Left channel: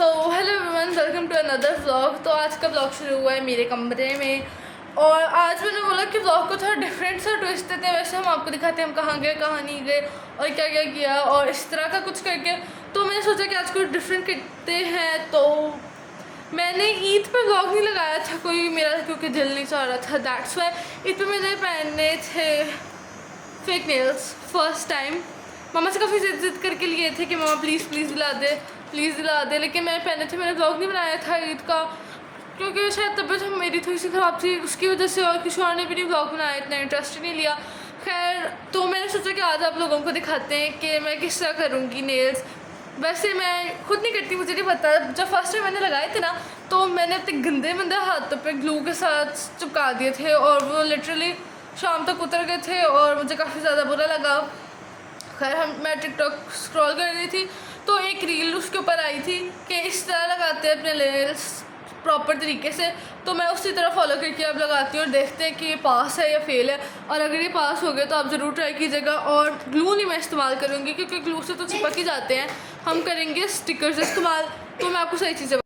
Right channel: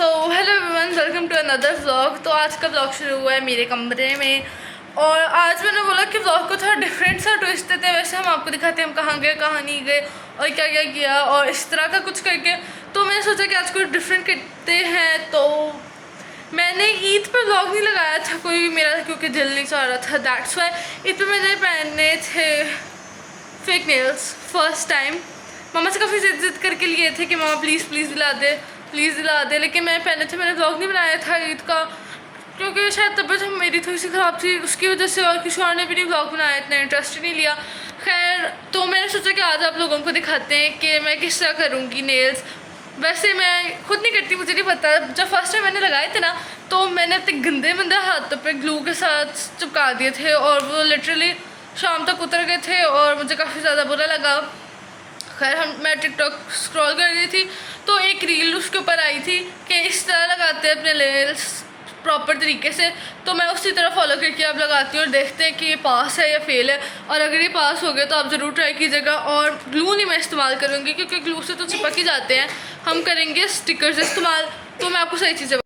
So hello everyone, welcome to another vlog. तो आज का व्लॉग शुरू हुआ है मेरे कमरे में और आज मैंने बोला कि व्लॉग को थोड़ा डिफरेंट सा ट्विस्ट देते हैं। वैसे हम आपको दिखाते हैं हम कहाँ गए कहाँ नहीं गए और क्या क्या किया और इस तरह का कुछ करके। तो मैंने सोचा कि आज कुछ डिफरेंट करते हैं। तो मैंने ईद पे व्लॉग नहीं लगाया था कोई मेरा, क्योंकि दिल नहीं चाह रहा था। दैट्स वाई ईद पे मैंने पहनने थे फेक नेल्स फर्स्ट टाइम। मामा से काफ़ी जिद करके लिए थे कि मामा प्लीज़ दिला दे, लेकिन मैं पहने थे। मैंने व्लॉग नहीं बनाया था ईद का क्योंकि शायद तबीयत मेरी थोड़ी सी ख़राब थी, उसकी वजह से। और किसी और ने भी नहीं व्लॉग बनाया, इतना इंटरेस्ट ही नहीं लिया। खैर, तो मैंने सोचा कि आज आप लोगों को दिखाते हैं कि मैं किस तरह करूँगी नेल्स। वैसे मैं खुद नहीं करती, मुझे नहीं पता। जब फर्स्ट टाइम मैंने लगाए थे ना, तो मैंने अपने गंदे हाथों पे ग्लू के साथ चिपका दिए थे और वो लिटरली शाम तक उतर गए थे और मुझे काफ़ी ज़्यादा बुरा लगा। खैर, मैं टिकटॉक स्क्रॉल कर रही थी तो एक रील उसके ऊपर आई थी कि इस तरह लगाते हैं अपने नेल्स प्रॉपर तरीके से। तो मैं उसी तरह फॉलो करके अब लगाती हूँ और देखते हैं कि ये पास है या फेल है। और अगर ये पास हो गया तो आप ज़रूर ट्राई कीजिएगा। और ग्लू नहीं मैं इस्तेमाल करूँगी क्योंकि ग्लू से तो चिपक ही जाते हैं। हम करेंगे स्टिकर्स इस्तेमाल। तो मैं आपको सही चीज़ें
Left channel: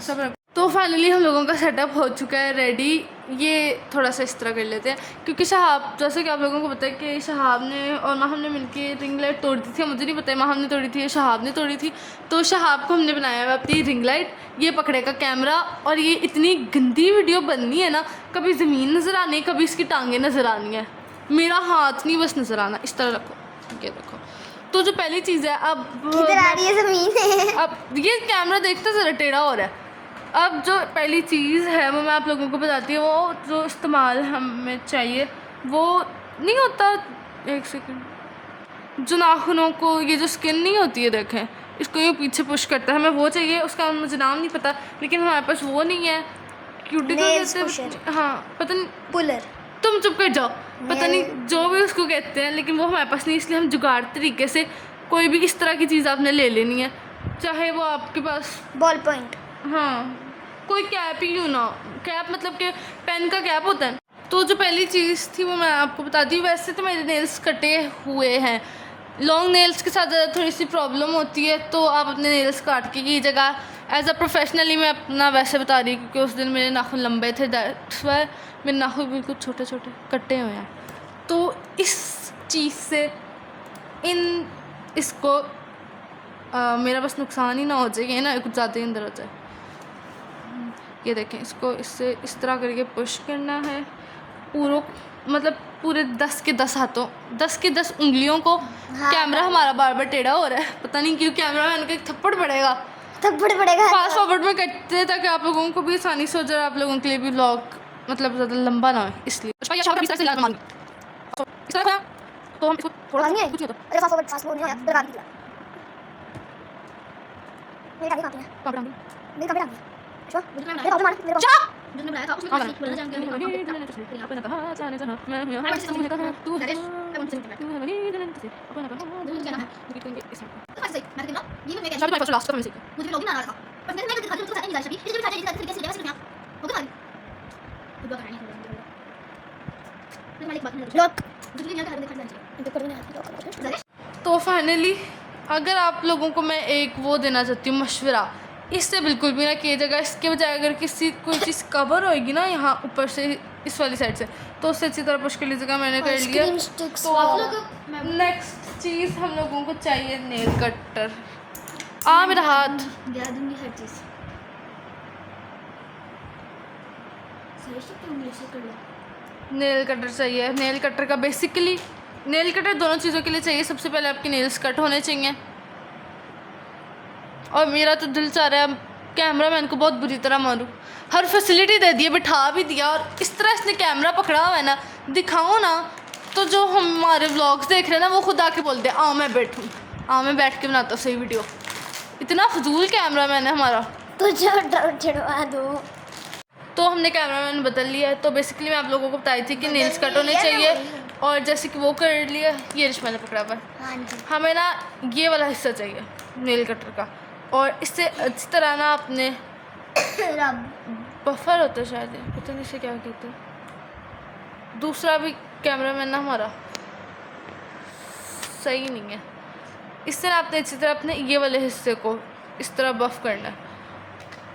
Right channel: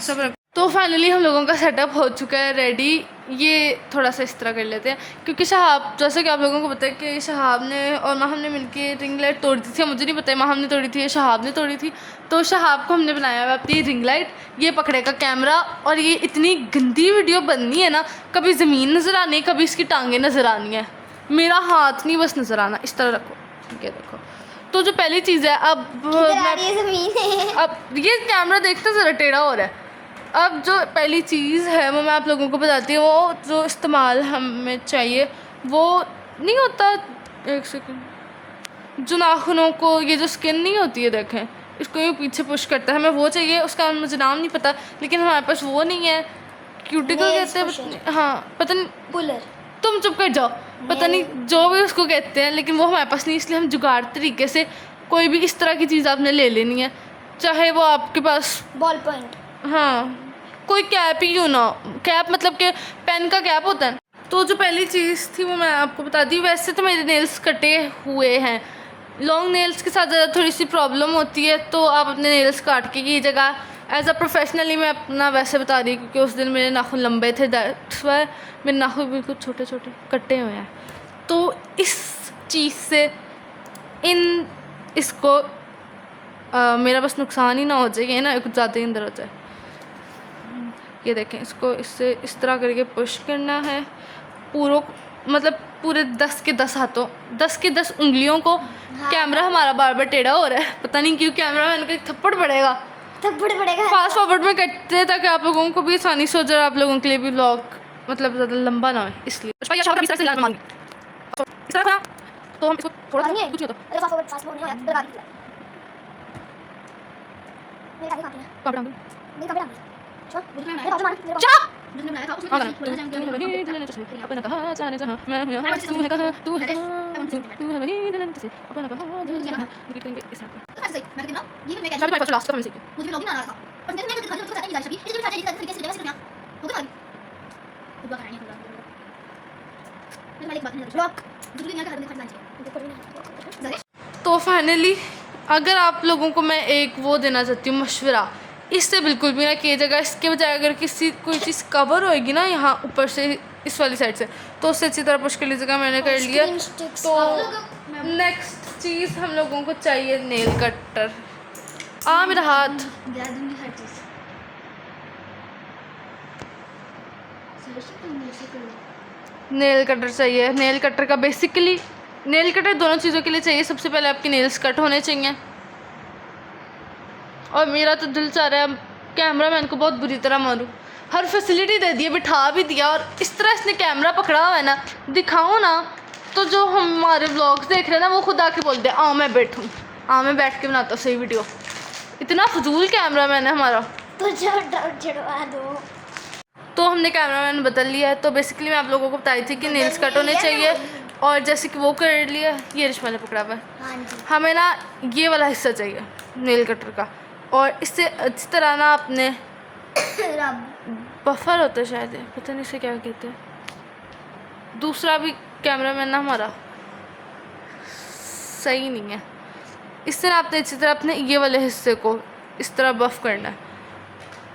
सब। तो फाइनली हम लोगों का सेटअप हो चुका है रेडी। ये थोड़ा सा इस तरह कर लेते हैं क्योंकि शहाब, जैसे कि आप लोगों को पता है कि शहाब ने और माहम ने मिलके रिंग लाइट तोड़ दी थी। मुझे नहीं पता है माहम ने तोड़ी थी या शहाब ने तोड़ी थी। तो शहाब को हमने बनाया हुआ अपनी रिंग लाइट, ये पकड़ेगा कैमरा। और ये इतनी गंदी वीडियो बननी है ना, कभी ज़मीन नज़र आनी, कभी इसकी टांगें नज़र आनी है, मेरा हाथ नहीं बस नज़र आना। इस तरह रखो, ठीक है। देखो, तो जो पहली चीज़ है, अब ये कैमरा देखते ज़रा टेढ़ा हो रहा है। अब जो पहली चीज़ है वो मैं आप लोगों को बताती हूँ। वो जो इस्तेमाल हमें चाहिए वो नहीं होता, एक सेकंड, जो नाखूनों को ये जो स्किन नहीं होती है, देखें, इसको ये पीछे पुश करता है, हमें वो चाहिए। उसका मुझे नाम नहीं पता, लेकिन हमारे पास वो नहीं है। क्यूटिकल कहते हैं, हाँ पता नहीं, पुलर। तुम चुप कर जाओ, पता नहीं जो भी उसको कहते हैं, लेकिन वो हमारे पास नहीं। इसलिए हम जुगाड़ तरीके से कोई भी इस तरह की चीज़ आपने ले लेनी है, चाहे वो आपके पास बॉल पॉइंट, हाँ कोई कैप ही क्यों ना, कैप मतलब कि पेन का कैप होता है। तो जो पहली चीज़ थी वो मैं आपको बता दी। वैसे तो मेरे नेल्स कटे हुए हैं, लॉन्ग नेल्स के साथ ज़्यादा थोड़ी सी प्रॉब्लम होती है, तो आप अपने नेल्स काट के कीजिएगा। एज अ प्रोफेशनली मैं अपना वैसे बता रही हूँ क्योंकि उस दिन मेरे नाखून लंबे थे, दैट्स व्हाई मेरे नाखून बिल्कुल छोटे छोटे कटे हुए हैं। तो इस चीज़ से इसको मेरा बस नुकसान ही ना हो जाए, ये ना कुछ ज़्यादा ही अंदर हो जाए। ये देखें, इसको इससे इस तरह करके पुश करना है पूरे 10 के 10 हाथों, 10 के 10 उंगलियों को। हाँ। कैमरा हमारा बार बार टेढ़ा हो रहा है, पता नहीं क्यों। कैमरा मैन को थप्पड़ पड़ेगा फास्ट फॉरवर्ड में करते हैं ताकि आप लोगों को भी आसानी से हो जाए, आप लोगों के लिए भी व्लॉग मतलब ज़्यादा लंबा ना हो, इसलिए। तो हम इसको थोड़ा सा कुछ तो फाइनली अगर आप लोगों को मैं एक वो देना चाहती हूँ मशवरा, इससे बिल्कुल भी ना कीजिएगा। इसके बजाय अगर कोई चीज़ कवर होएगी ना यहाँ ऊपर से, इस वाली साइड से, तो उससे अच्छी तरह पुश कर लीजिएगा। मैंने कर लिया। तो नेक्स्ट चीज़ हम लोगों को चाहिए नेल कटर। मेरा हाथ, नेल कटर चाहिए। नेल कटर का बेसिकली नेल कटर दोनों चीज़ों के लिए चाहिए। सबसे पहले आपके नेल्स कट होने चाहिए, और मेरा तो दिल चाह रहा है कैमरा मैन को बहुत बुरी तरह मारूं। हर फैसिलिटी दे दी है, बिठा भी दिया, और इस तरह इसने कैमरा पकड़ा हुआ है ना, दिखाओ ना, तो जो हमारे व्लॉग्स देख रहे हैं ना वो खुद आके बोलते हैं मैं बैठूँ, मैं बैठ के बनाता हूँ सही वीडियो। इतना फजूल कैमरा मैन है हमारा। तो हमने कैमरा मैन बदल लिया है। तो बेसिकली मैं आप लोगों को बताई थी कि नेल्स कट होने चाहिए, और जैसे कि वो कर लिया, ये रिश्मा ने पकड़ा हुआ है। हमें ना ये वाला हिस्सा चाहिए नेल कटर का, और इससे अच्छी तरह ना अपने बफर होता है शायद, पता नहीं इसे क्या कहते हैं। दूसरा भी कैमरा मैन ना हमारा सही नहीं है, इससे ना आपने अच्छी तरह अपने ये वाले हिस्से को इस तरह बफ़ करना है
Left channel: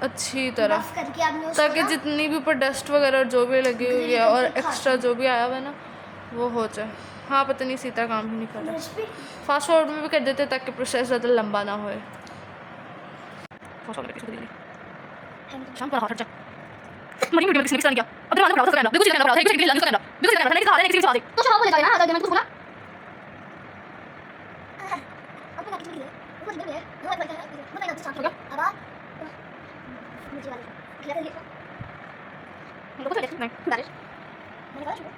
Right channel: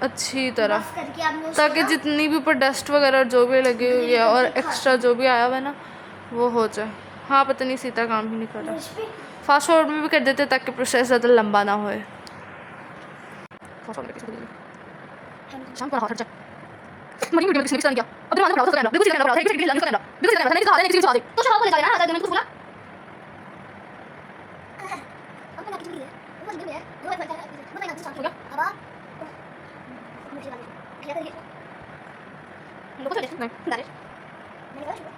अच्छी तरह, बफ करके आपने उसको ताकि ना जितनी भी ऊपर डस्ट वगैरह जो भी लगी हुई है और एक्स्ट्रा जो भी आया हुआ है ना वो हो जाए। हाँ पता नहीं सीता काम ही नहीं कर रहा। ब्रश पे फास्ट फॉरवर्ड में भी कर देते ताकि प्रोसेस ज़्यादा लंबा ना होए। तो शॉप बोले ना अगर मैं कुछ बोला अब मैं किसी को वो नहीं है वो एक बार वो मैंने आपसे हो गया अब मुझे वाले क्या करिए हम लोग को तो नहीं बारिश मैंने बोला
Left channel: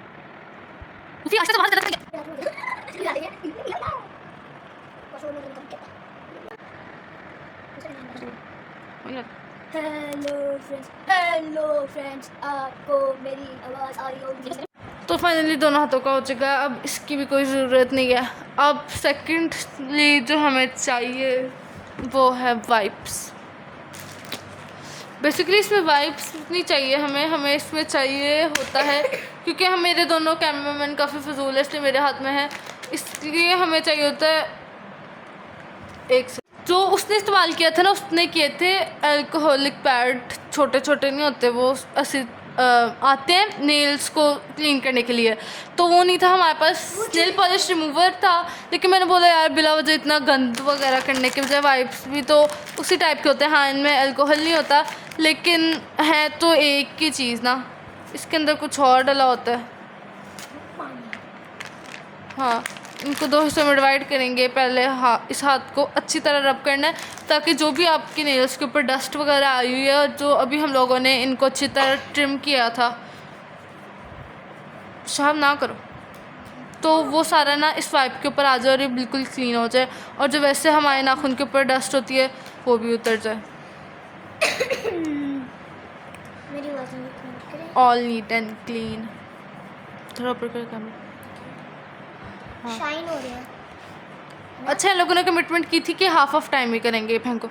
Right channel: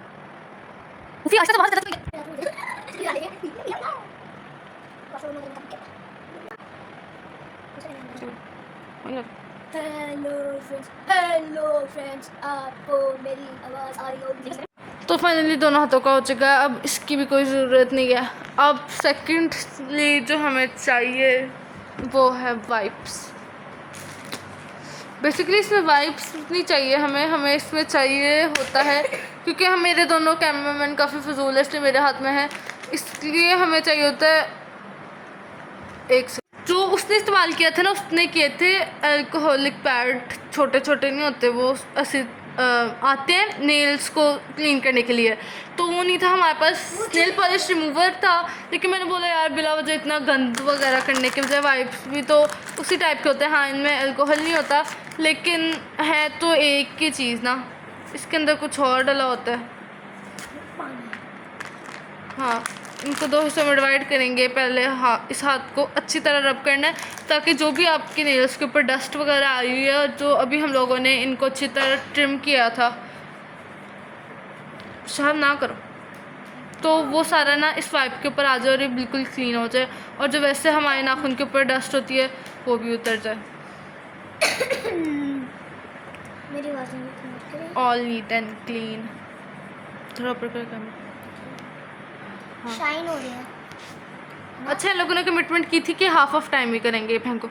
उसी आशा से बाहर चला ला देंगे कसम में हेलो फ्रेंड्स आपको मेरी आवाज़ आ रही होगी। तो फाइनली दोनों हाथों का हो चुका है, अब इसकी भी कोई ज़रूरत नहीं है। अब सेकेंडली जो हमें चाहिए वो है वाइप्स। बेसिकली इसमें वाइप्स नहीं चाहिए हमें इसमें चाहिए होता है क्योंकि हम मेरे दोनों कैमरामैन काफ़ी फजूल है इसलिए मेरे हाथ में है, इसलिए हमें चाहिए होता है एक जो उसने इस्तेमाल किया था ना उसने किए थे अल्कोहलिक पैड, छोटे छोटे नहीं होते वो ऐसे आते हैं नेल्स को क्लीन करने के लिए, तो वो नहीं था हमारे पास। नेल पॉलिश रिमूवर था लेकिन मैंने बोला यार बिला वजह इतना गंद वगैरह करने के बजाय वाइप्स भी तो उसी टाइप के होते हैं। हाँ इनमें अल्कोहल नहीं होता लेकिन है तो एक ही चीज़ ना, इसके अंदर कुछ और डला होता है। हाँ इनको दो हिस्सों में डिवाइड करेंगे। पहले इस हाथ को अच्छी तरह रब करना है ताकि जो भी आपके नेल्स के ऊपर डस्ट वगैरह आई हुई है जो अभी हम लोगों ने इनको अच्छी तरह ट्रिम किया था, साफ ना करो तो वो सारा ना इस वाइप के ऊपर आ जाए और ये बिल्कुल क्लीन हो जाए और जो वैसे हमारे नाखून के ऊपर डस्ट होती है वो भी उतर जाए। मेरी आवाज़ में ऑल नीट एंड क्लीन। थोड़ा ऊपर कर कम शाइन हो रही है। अच्छा इन लोगों ने कमिटमेंट की थी कि हाफ ऑफ टाइम ही करेंगे बहन को,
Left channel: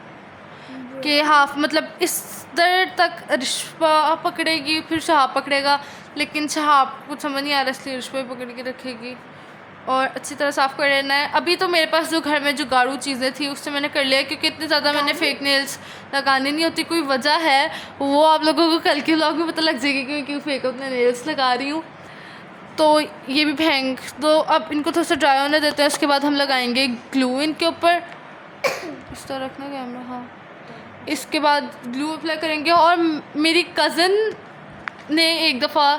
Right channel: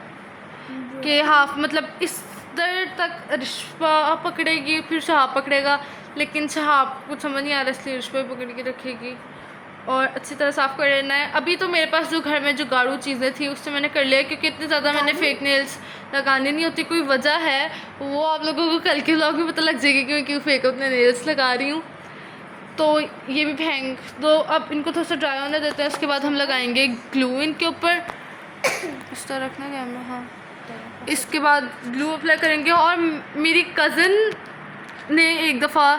कि हाफ मतलब इस देर तक रिश्वा पकड़ेगी फिर शहाब पकड़ेगा, लेकिन शहाब कुछ समझ नहीं आ रहा इसलिए रिश्वा पकड़ के रखेगी और अच्छी तरह साफ़ कर लेना है। अभी तो मेरे पास जो घर में जो गाढ़ू चीज़ें थी उससे मैंने कर लिया क्योंकि इतनी ज़्यादा मैंने फेक नेल्स लगाने नहीं होती, कोई वजह है वो आप लोगों को कल के व्लॉग में पता लग जाएगी कि मैं क्यों फेक अपने नेल्स लगा रही हूँ। तो ये भी फेंक दो, अब इनको थोड़ा सा ड्राई होने देते हैं, इसके बाद हम लगाएंगे ग्लू इनके ऊपर। इस तरह रखना क्या मैं, हाँ इसके बाद ग्लू अप्लाई करेंगे। और मेरी कज़न ने एक दफ़ा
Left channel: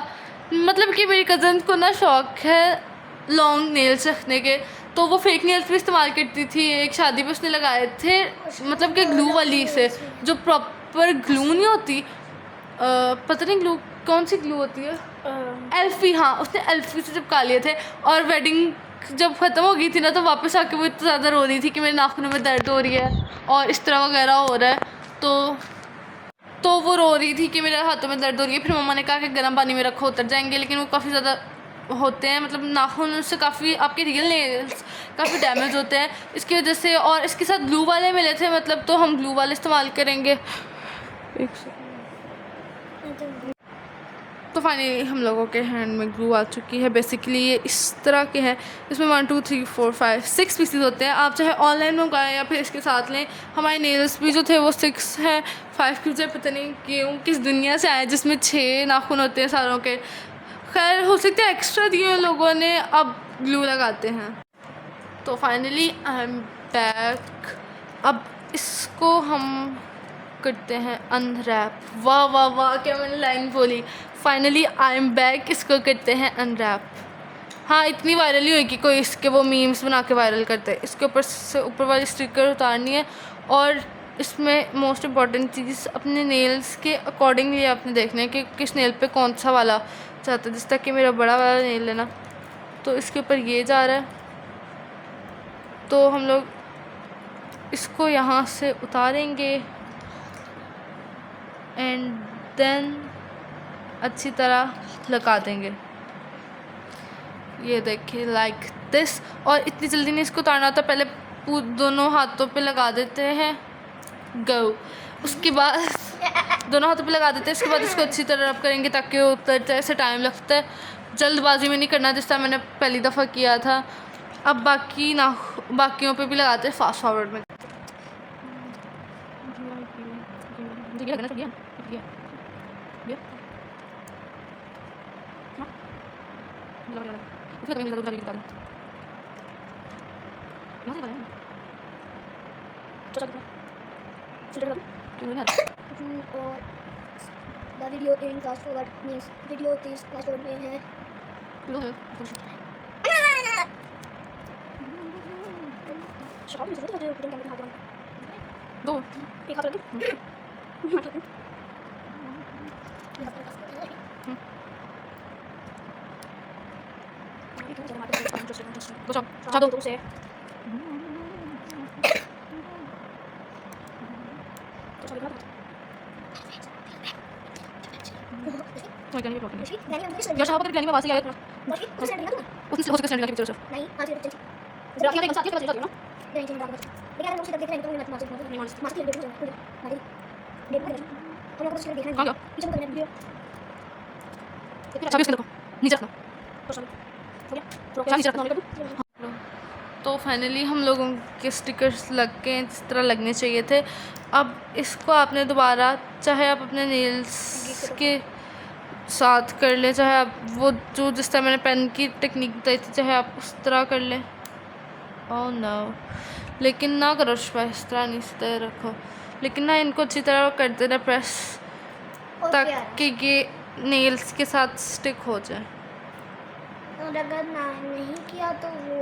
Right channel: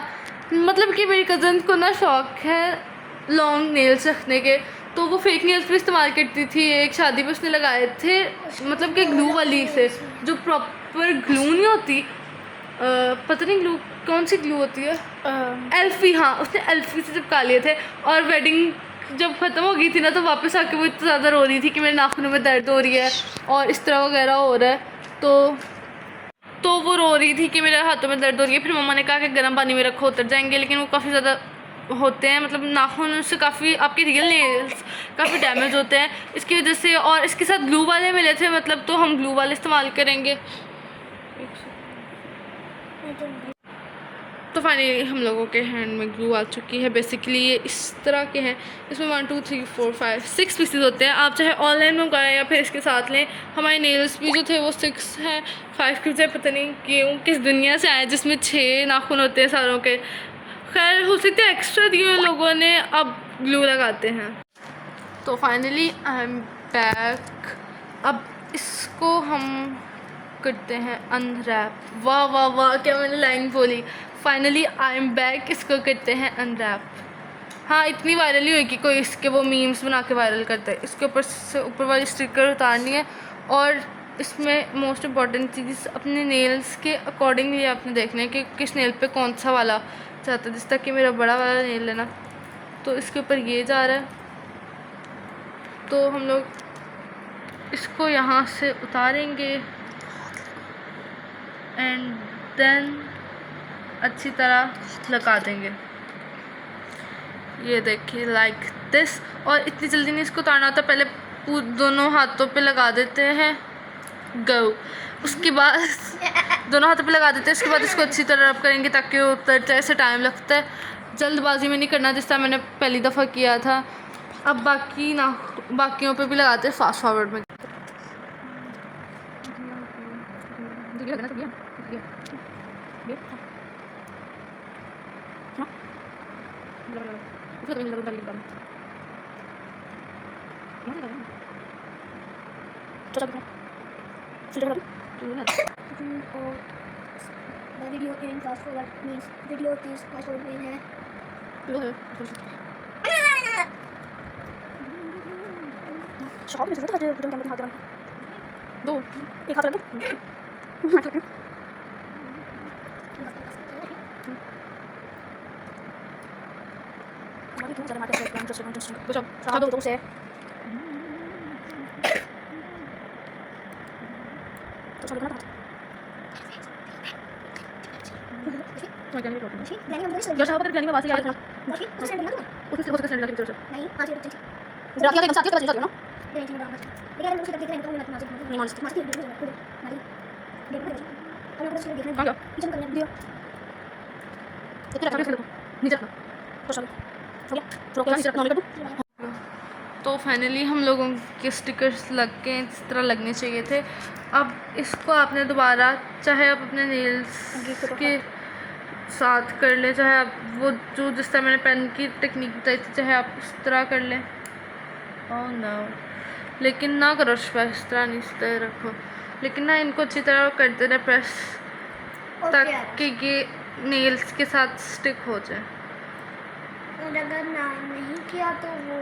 मतलब कि मेरी कज़न को ना शौक़ है लॉन्ग नेल्स रखने के, तो वो फेक नेल्स भी इस्तेमाल करती थी। एक शादी पे उसने लगाए थे मतलब कि ग्लू वाली से जो प्रॉपर ग्लू नहीं होती, पता नहीं ग्लू कौन सी ग्लू होती है, एल्फी, हाँ उसने एल्फी से चिपका लिए थे। और वेडिंग जब ख़त्म हो गई थी ना तो वापस आके वो इतना ज़्यादा रो रही थी कि मेरे नाखूनों में दर्द हो रही है और इस तरह वगैरह हो रहा है, तो वो रो रही थी कि मेरे हाथों में दर्द हो रही है। फिर मम्मा ने कहा कि गर्म पानी में रखो उतर जाएंगे, लेकिन वो काफ़ी ज़्यादा होते हैं मतलब नाखून से काफ़ी आपके रियल नेल्स काफ़ी डैमेज होते हैं इसकी वजह से। और इसके साथ ग्लू वाले मिले थे मतलब, तो हम ग्लू वाले इस्तेमाल करेंगे। तो फाइनली हम लोगों के हैंड में ग्लू आ चुकी है। बेसिकली ये इस तरह के हैं, इसमें 1 2 3 4 5 6 पीसेस होते हैं। आप चाहे ऑनलाइन मंगवाएं या फिर इसके साथ लें। हमारे नेल्स भी जो थे वो 6 हैं, 5 के बजाय पता नहीं क्यों किस दुनिया से आए जिसमें 6 नाखून होते हैं सारों के। खैर हो सकता है एक्स्ट्रा दिए हुए लोगों ने अब ग्लू लगाते हैं। तो फाइनली आई एम बैक। अब इसको हम करते हैं अनरैप। वाह वाह वाह क्या मैंने लाइन बोली, फाइनली आई एम बैक। इसको करते हैं अनरैप। हाँ इतनी वायरल ही हुई कि कोई इसके वो मीम्स बना के वायरल करते हैं। इसके ऊपर से ऊपर वाली स्टिकर उतारनी है और इसमें मोस्ट इम्पॉर्टेंट चीज़ अपने नेल्स के अकॉर्डिंगली आपने देखना है कि किस नेल पे कौन सा वाला चाहता है। जिस तक कि मेरा बड़ा वाला नेल है ना, तो इसके ऊपर ये जा रहा है, तो हम लोग इसको यहाँ से उतारेंगे एंड देन अच्छी तरह लगा देंगे। ये देखिए लाइक दिस। और इतनी जल्दी नहीं इसको उतारना होता, पहले दोनों हाथों पे लगा देते हैं गो, उसके बाद दोनों हाथों पे लगा देते हैं, उसके बाद इसको अच्छी तरह रब करेंगे ताकि वो उतर जाए। ऐसे टाइम लगता है, जल्दबाजी में नहीं करना जिस तरह मैंने पहली दफ़ा किया था। अब बाकियों पे भी लगाते हैं फास्ट फॉरवर्ड में। ये लगना सब ये हाँ लगा उसका कहीं लगा लगा वहाँ लगा चलो चलो और the video in fast forward means video is fast forward में है लो है शॉप में से तो हटे फिल्म कैमरे हाथ दो एक हाथ रख हमारी क्यों चला मार्केट में इंटरेस्टिंग बस अब साथ दो से तो चलो ना मैं कहने की प्रॉब्लम ठीक मैंने हम है जैसे आप अगर कहने में वासी आए बाकी तो सेंड करना उतनी हो सके सेंड करके चलो नहीं आज ये चल रात के साथ के चल ना नहीं ठीक है लेकिन हम उसे देख रहे हैं तो मैं मार्केट में मार्केट देख रहे हैं मार्केट देख रहे हैं हम लोग उसे देख रहे हैं कहाँ गया पीछे करना वीडियो इतना अच्छा इसके देखो नीचे रखना तो चलो हो गया क्या नीचे रखना होने का तो फाइनली हम लोगों के स्टिकर्स लग के इस तरह लगने चाहिए थे। अब इसको आपने दोबारा चाहे आप अपने नेल्स के साथ कर ले, चाहे आप वो जो जिस तरह मैंने पेन की टेक्निक बताई थी चाहे आप उस तरह कर लें। ओह नो, लेकिन ना करो इस तरह नहीं, इस तरह रखो, लेकिन ना इनको अच्छी तरह करते रहे प्रेस ताकि ये नेल्स के साथ स्टिक हो जाए। और अगर ना नहीं किया तो वो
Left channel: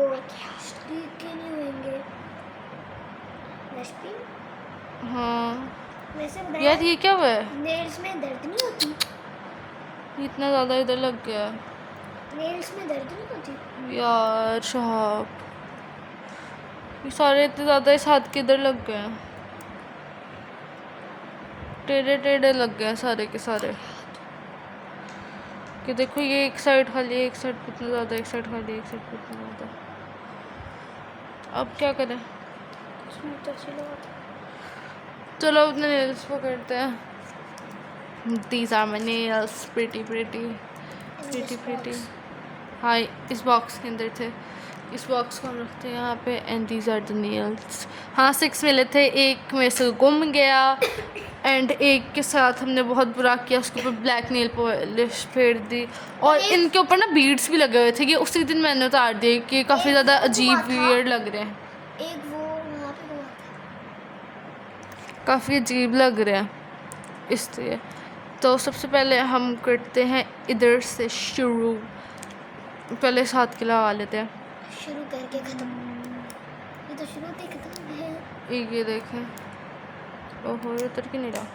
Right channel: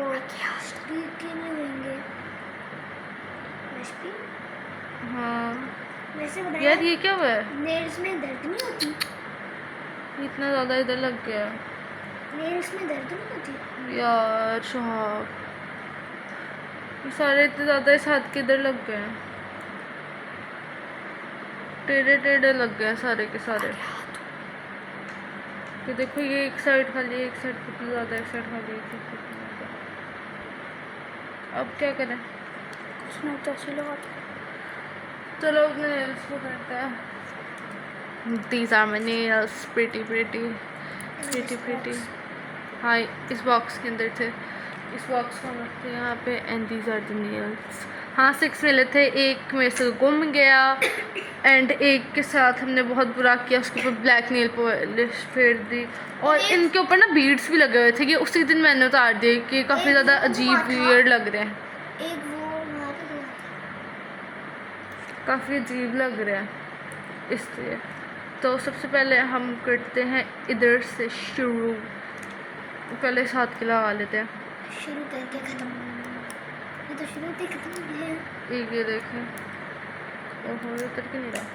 स्पीड ही नहीं होंगे वैसे हाँ वैसे यार बताया ये क्या हुआ है, नेल्स में दर्द नहीं होती इतना ज़्यादा इधर लग गया है नेल्स में दर्द नहीं होती यार शहाब, ये सारे इतने ज़्यादा इस हाथ के इधर लग गए हैं, टेढ़े टेढ़े लग गए हैं सारे के सारे। कि देखो ये एक साइड खाली, एक साइड कितनी ज़्यादा, एक साइड खाली, एक साइड कितनी ज़्यादा। अब क्या करें, उसमें तो अच्छी लगाते चलो अपने नेल्स पकड़ते हैं। These are my nails, pretty pretty pretty pretty। हाँ इस बॉक्स के अंदर थे, इस बॉक्स को हम रखते हैं यहाँ पे। And these are the nails. हाँ 6 मिले थे, एक में से गुम गया एंड एक के साथ हमने बहुत बुरा किया, उसके ऊपर ब्लैक नेल पॉलिश फेर दी और इनके ऊपर ना बीड्स भी लगे हुए थे। ये उसी दिन मैंने उतार दिए कि काफ़ी ज़्यादा अजीब वियर्ड लग रहे हैं, एक वो वहाँ पे दो काफ़ी अजीब लग रहे हैं इसलिए। तो सबसे पहले हम करते हैं इधर से शुरू, पहले इस हाथ के लगा लेते हैं। शुरू करके ख़त्म, ये तो शुरू से ख़त्म है। एक ये देखें, ओहो ये उतर के नहीं रहा,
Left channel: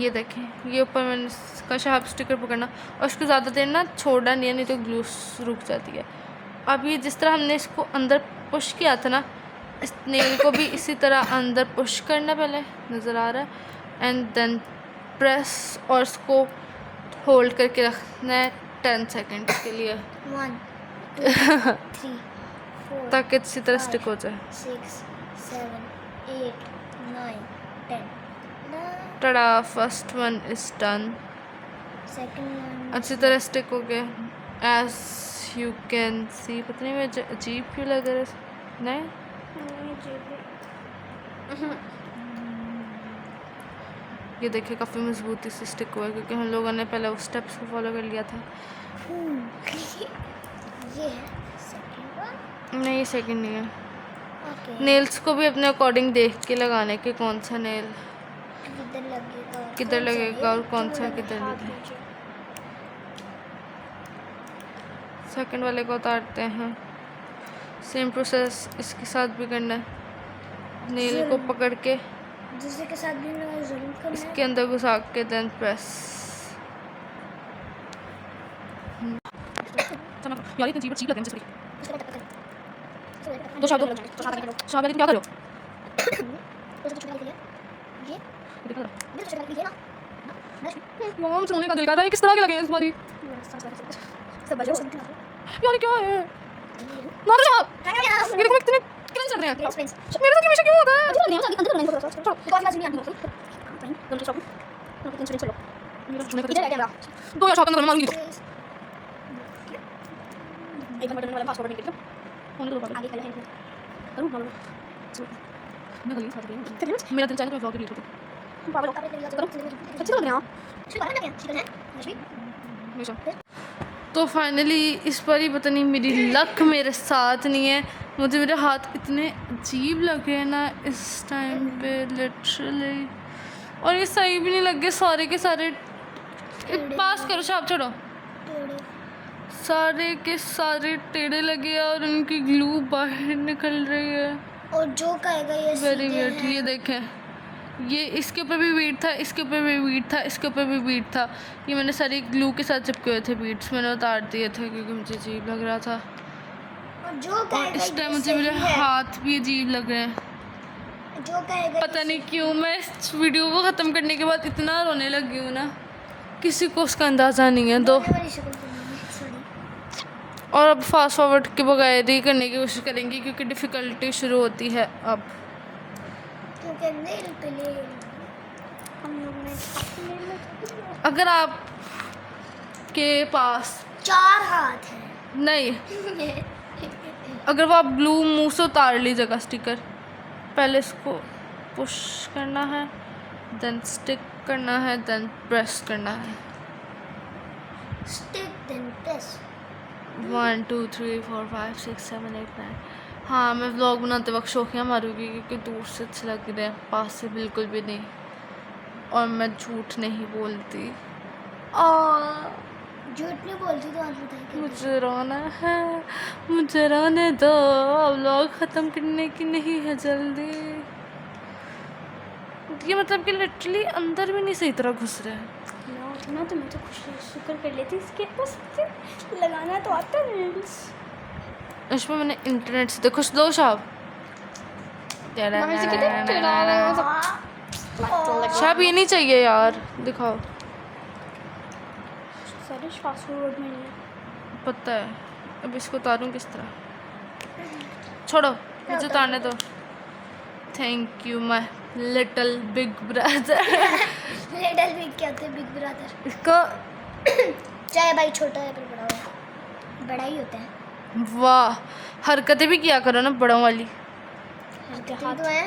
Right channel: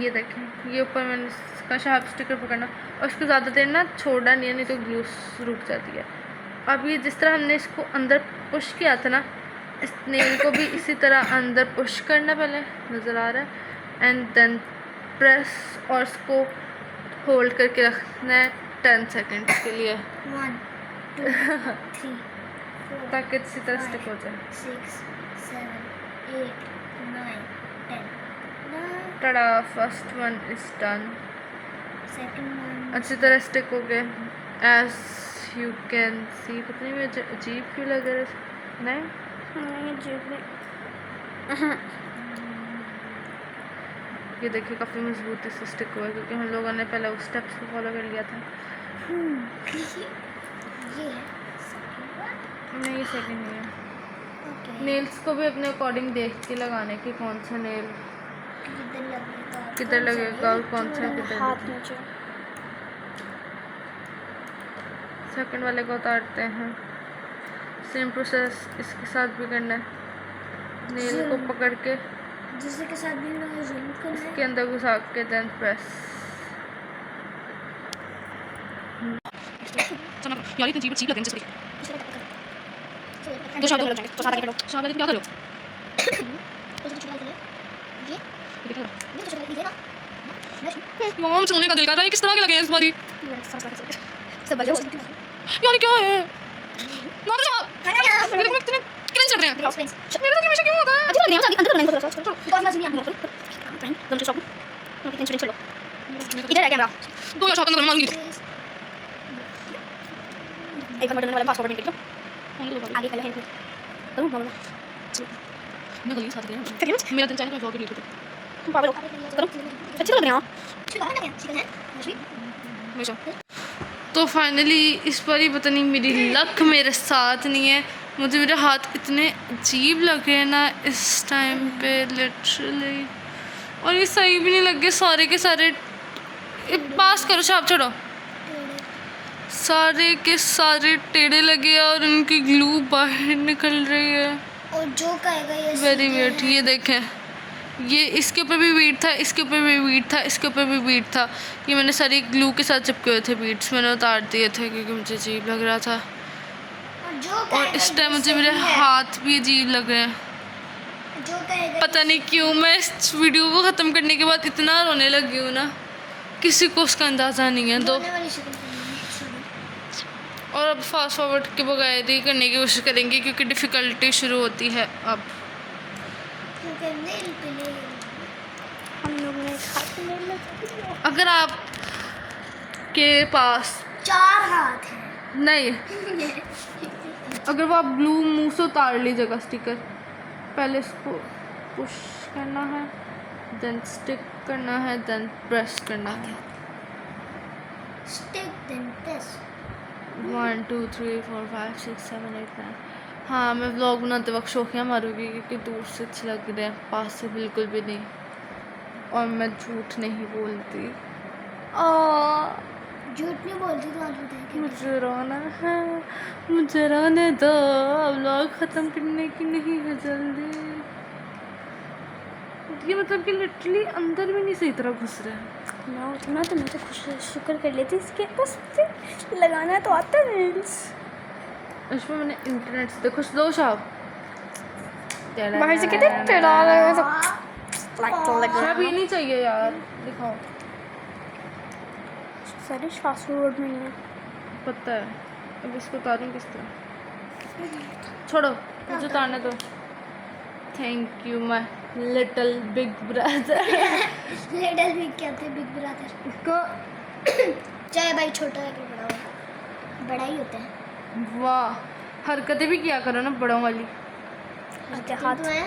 ये देखें ये ऊपर मैंने इसका शार्प स्टिकर पकड़ना और उसको ज़्यादा देर ना छोड़ना नहीं है, नहीं तो ग्लू रुक जाती है। अब ये जिस तरह हमने इसको अंदर पुश किया था ना, इस नेल को भी इसी तरह अंदर पुश करना, पहले नज़र आ रहा है, एंड देन प्रेस और इसको होल्ड करके रखना है 10 सेकेंड के लिए 1 2 3 4 ताकि अच्छी तरह स्टिक हो जाए। 6 7 8 9 10 टड़ा, first one is done, second one अच्छी तरह स्टिक हो गया एज यू कैन सी। पता नहीं मुझे अजीब क्यों लग रहा है, नहीं ये देखिए काफ़ी मजबूती से स्टिक हुआ है क्योंकि हम लोगों ने पहले उस स्टेप्स को फॉलो कर लिया था। ये है सेकंड वन नहीं ये सेकंड नहीं है। ओके नेल्स को भी अपने अकॉर्डिंग देख के लगाने कि कौन सा नेल किधर लगेगा और कौन सा किधर लगेगा। सेकंड वाले को उतारते हैं, सेम प्रोसेस इसके साथ भी करना है। नेल को पकड़ के जिसके साथ भी मैं जरूर करना है। इसके अंदर घुसा के देन प्रेस। यार इतनी अजीब लग रही है जैसे दो शब्द लग जाएंगे तो साथ आगे करो। शाबाश क्या करो तो छोटा कर ले ये दिखा रहा नहीं छोटा कर दे ना मॉम सोने का दिल कर रहा है, किस तरह के लगे हैं इस बारी सब बजाओ यार क्या है मर जा मेरे को इतने क्रंच चल रहे हैं मेरे साथ हमेशा क्यों होता है अच्छा लग रहा है अंदर करना है तो और मजा नहीं आने को तुम तो शॉप तुम टेंशन चलो इधर आ कैमरा दो या शॉट अंदर मारूंगी तो एक बार वाले पासवर्ड निकल फोन को आगे पहले है करूं बोलो मैं गली साथ गई मेरा दिन चाहिए तो ब्लॉग एडिट करो पागल करो अच्छी लग रही है हमेशा। तो फाइनली इस बार ही पता नहीं मेरी लक मेरे साथ नहीं है, मुझे मेरे हाथ इतने अजीब लग रहे हैं ना इस टाइम पे लिटरली, और ये सही भी नहीं लग गए सारे के सारे। पास करो शाप छोड़ो, सारे के सारे टेढ़े लगे और उनकी ग्लू बाहर निकल रही है। और जो कहेगा ये वेरी वियर्ड। ये देखें, ये इसके ऊपर भी बीट था, इसके ऊपर भी बीट था, इसके ऊपर भी बीट था। ये मैंने सारी ग्लू के साथ चिपके हुए थे बीट्स, मैंने उतार दिए थे क्योंकि मुझे अजीब लग रहा था। और जो और कहेगा इस टाइम ये मुझे मेरे सही है। हाथ भी अजीब लग रहे हैं। जो कहेगा पता नहीं क्यों मैं इस वीडियो को ख़त्म करने के बाद इतना रोने लगी हूँ ना, किसी को उसका अंदाज़ा नहीं है। दो रोने वाली शक्ल करनी है, sorry। और अब फास्ट फॉरवर्ड के बगैर ही करने की कोशिश करेंगे क्योंकि डिफ़िकल्टी शुरू होती है अब। क्योंकि नेल पे नेल हम लोग ने काफी नेल लगाए। अगर आप के पास 4 हाथ हैं। नहीं, अगर वो आप ग्लू मुंह से उतार लीजिएगा स्टिकर, पहले इसको पुश करना है, देन स्टिक करना है, देन प्रेस करना है। Stick then press. 1 2 3 4 5 6 7 8 9। हाँ, मैं व्लॉग बनाते वक्त शौकिया मारूंगी क्योंकि दूर से अच्छे लग रहे हैं, पास से बिल्कुल भी नहीं। और मैं झूठ नहीं बोलती। झूठ नहीं बोलती तो आज बताएंगे। मुझे रोना है, मुझे रोने दो, अब व्लॉग ख़त्म करने की नहीं है जल्दी। ये मतलब कि लिटरली अंदर भी नहीं सही तरह घुस रहे हैं। ना तो मैं तो खुश शुक्र कर लेती इसके बस लगाना तो आता है रील्स। उसमें मैंने इंटरनेट से देखो दो शाब बाहर से कितने टेढ़ा आ रहा है शाब, ये नहीं चाहिए यार, दिखाओ। सारे फास्ट फूड में नहीं है। पता है, अब इसको उतारूँ किस तरह? छोड़ो, मुझे उतारने दो। Thank you my little big brother. Little big क्या होते हैं? Big brother. इसको चाहे भाई छोटा है फिर बड़ा होगा, बड़ा ही होता है। वाह, हरकतें भी किया करो ना बड़ों वाली। हाथ तो है।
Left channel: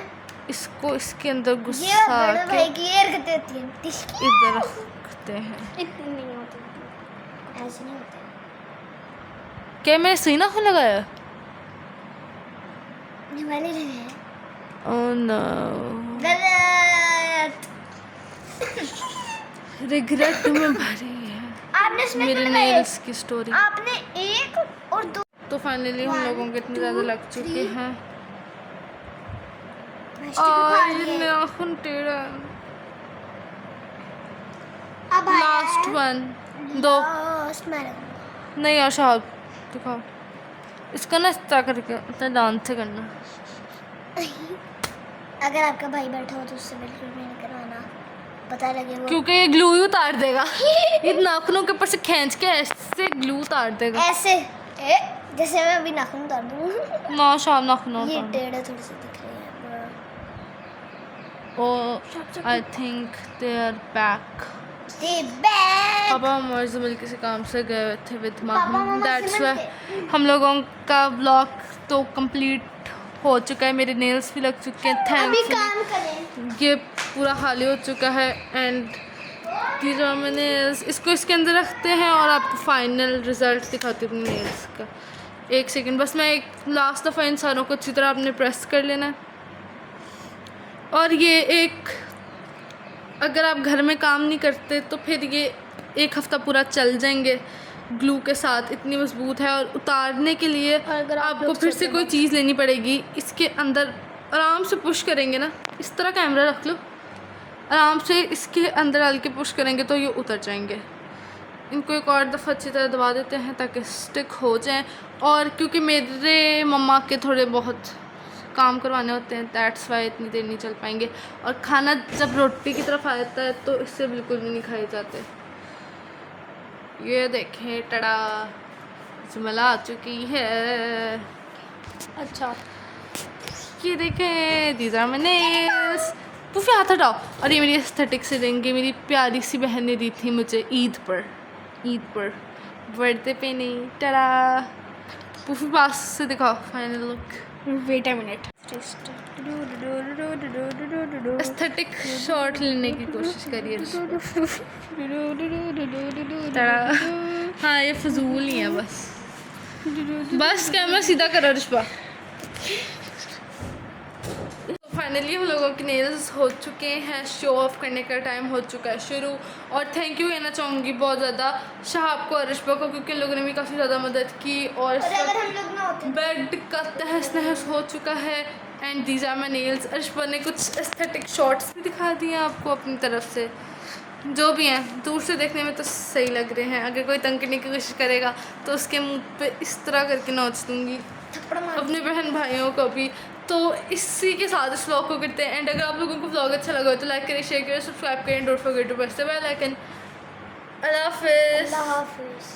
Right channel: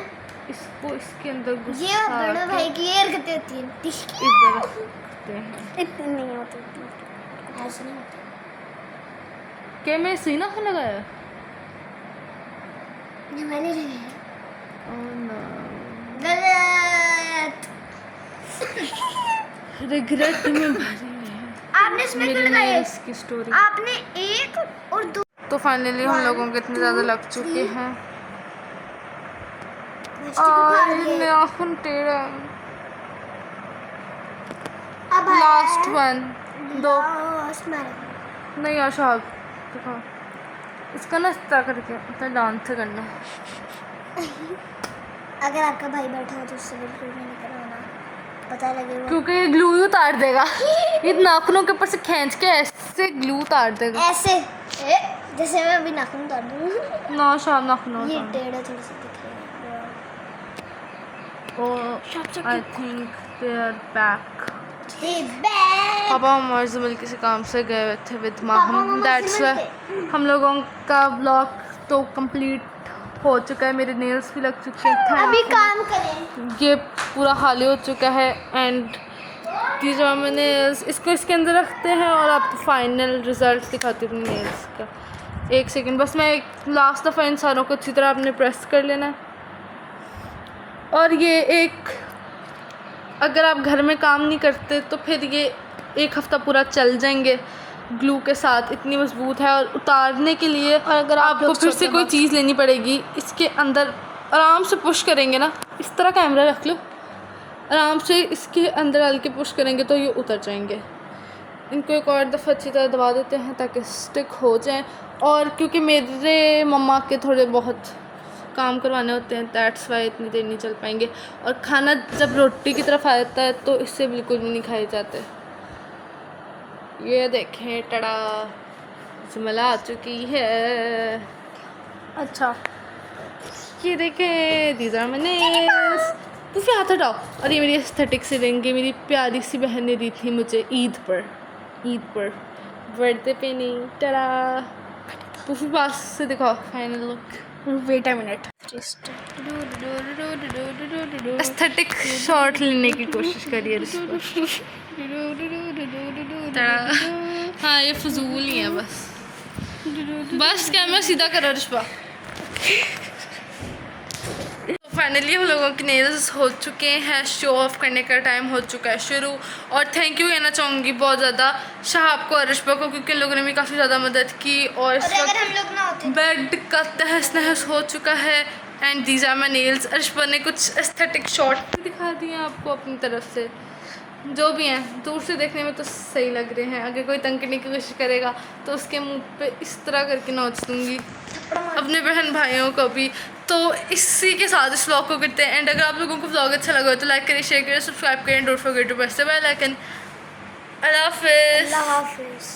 इसको इसके अंदर ये घुसा बड़े के भाई की ये हरकतें होती हैं। इधर रखते हैं। इतनी नहीं होती, ऐसे नहीं होती। क्या मैं सही ना लगाया? ये वाली रही है ओह नो, गलत। रिग्रेट में भरी है आपने इसमें क्यों मेरे लगाए? नेल्स की स्टोरी। आपने 1 और 2 तो फाइनली हम लोगों के इतने ज़्यादा लग चुके हैं को और खा लिए। ये नाखून टेढ़ा है। अब लास्ट वन, 2 लास्ट मैराथन। नहीं यार शाहब, दिखाओ इसका ना इस तरह करके इतना डांस से करना। अगर आपका भाई बैठा हो तो उससे बिल्कुल भी नहीं करवाना, पता लगेगा। क्योंकि ये ग्लू ही उतार देगा। ये नाखूनों के ऊपर से खींच के ऐसे ग्लू उतार देगा। ऐसे जैसे मैं अभी नाखून उतार दूँ। ना शाहब, नाखून ये उतार। टेढ़ा थोड़ी सी दिख रही है। Oh I think they are back. ये बैग। पापा हमारे से मिल किसी काम से गए हुए थे विद माँ, पापा मम्मा दैट्स से वाई हम लोगों का व्लॉग तो कंप्लीट हो चुका है। मेरे नेल्स भी लग चुके हैं। अभी थैंक काम करें। ये पूरा खाली हो चुका है एंड ये जो मैंने इसको इसके अंदर रखते हैं और आपको फाइनल रिजल्ट दिखाती हूँ नेल्स का। 1 सेकेंड बस, मैं एक लास्ट दफ़ा इन सारों को अच्छी तरह आपने प्रेस कर लेना। और ये एक, अगर आप घर में काम नहीं करते तो फिर ये 1 हफ़्ता पूरा चल जाएंगे ग्लू के साथ, इतनी मजबूत है। और उतारने के लिए अगर आप आपको लोग फिर से छोटे कोई चीज़ लेनी पड़ेगी। इसके अंदर आराम से पुश करेंगे ना, इस तरह कैमरा रख लो, आराम से इसके अंदर डाल के पुश करेंगे तो ये उतर जाएंगे। इनको एक और दफ़ा अच्छी तरह दबा देते हैं ताकि स्टिक हो जाएं। और क्योंकि मेरे मम्मा के थोड़े बहुत काम करवाने होते हैं, दैट्स वाई इतनी देर नहीं चल पाएंगे। और खाना जब रोटी की तरफ आता है तो इससे बिल्कुल भी नहीं खाए जाते। ये देखें, टड़ा जुमला आ चुकी है। अच्छा ये देखें, दीज आर माय नेल्स। पुफी हाथ हटाओ। और ये मेरी एस्थेटिक से रिंग, ये मेरी प्यारी सी बहन ने दी थी मुझे ईद पर बर्थडे पे नहीं। टड़ा पुफी पास से दिखाओ final look. Wait a minute. Aesthetic shot लेने की कोशिश करिए हाँ ये फजूल ही है बस कैमरा सीधा करो रिश्वा। फाइनली हम लोगों के नेल्स हो चुके हैं, शो ऑफ करने का टाइम हो चुका है शुरू। और थैंक यू कहना चाहूँगी बहुत ज़्यादा शहाब को और रिश्वा को, क्योंकि इन लोगों ने भी काफ़ी ज़्यादा मदद की। और अगर हम लोग ना होते बेड का तहस नहस हो चुका है। And these are my nails. Rishwa ने कुछ एस्थेटिक शॉट्स भी दिखा दिए आपको अपनी तरफ से, जो भी हैं दूर से देखने में तो सही लग रहे हैं। अगर कोई तंग करने की कोशिश करेगा तो उसके मुंह पे इस तरह करके नोच दूँगी, अपने बहन भाइयों को भी। तो इसी के साथ इस व्लॉग को करते हैं एंड अगर आप लोगों को व्लॉग अच्छा लगा हो तो लाइक करें, शेयर करें, सब्सक्राइब करें, don't forget to press the bell icon. अल्लाह हाफिज़। अल्लाह हाफिज़।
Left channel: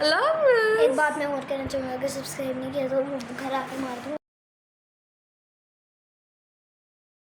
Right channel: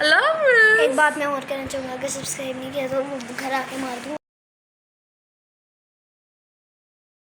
अल्लाह हाफिज़। एक बात मैं और कहना चाहूँगा, अगर सब्सक्राइब नहीं किया तो घर आके मार दूँगा।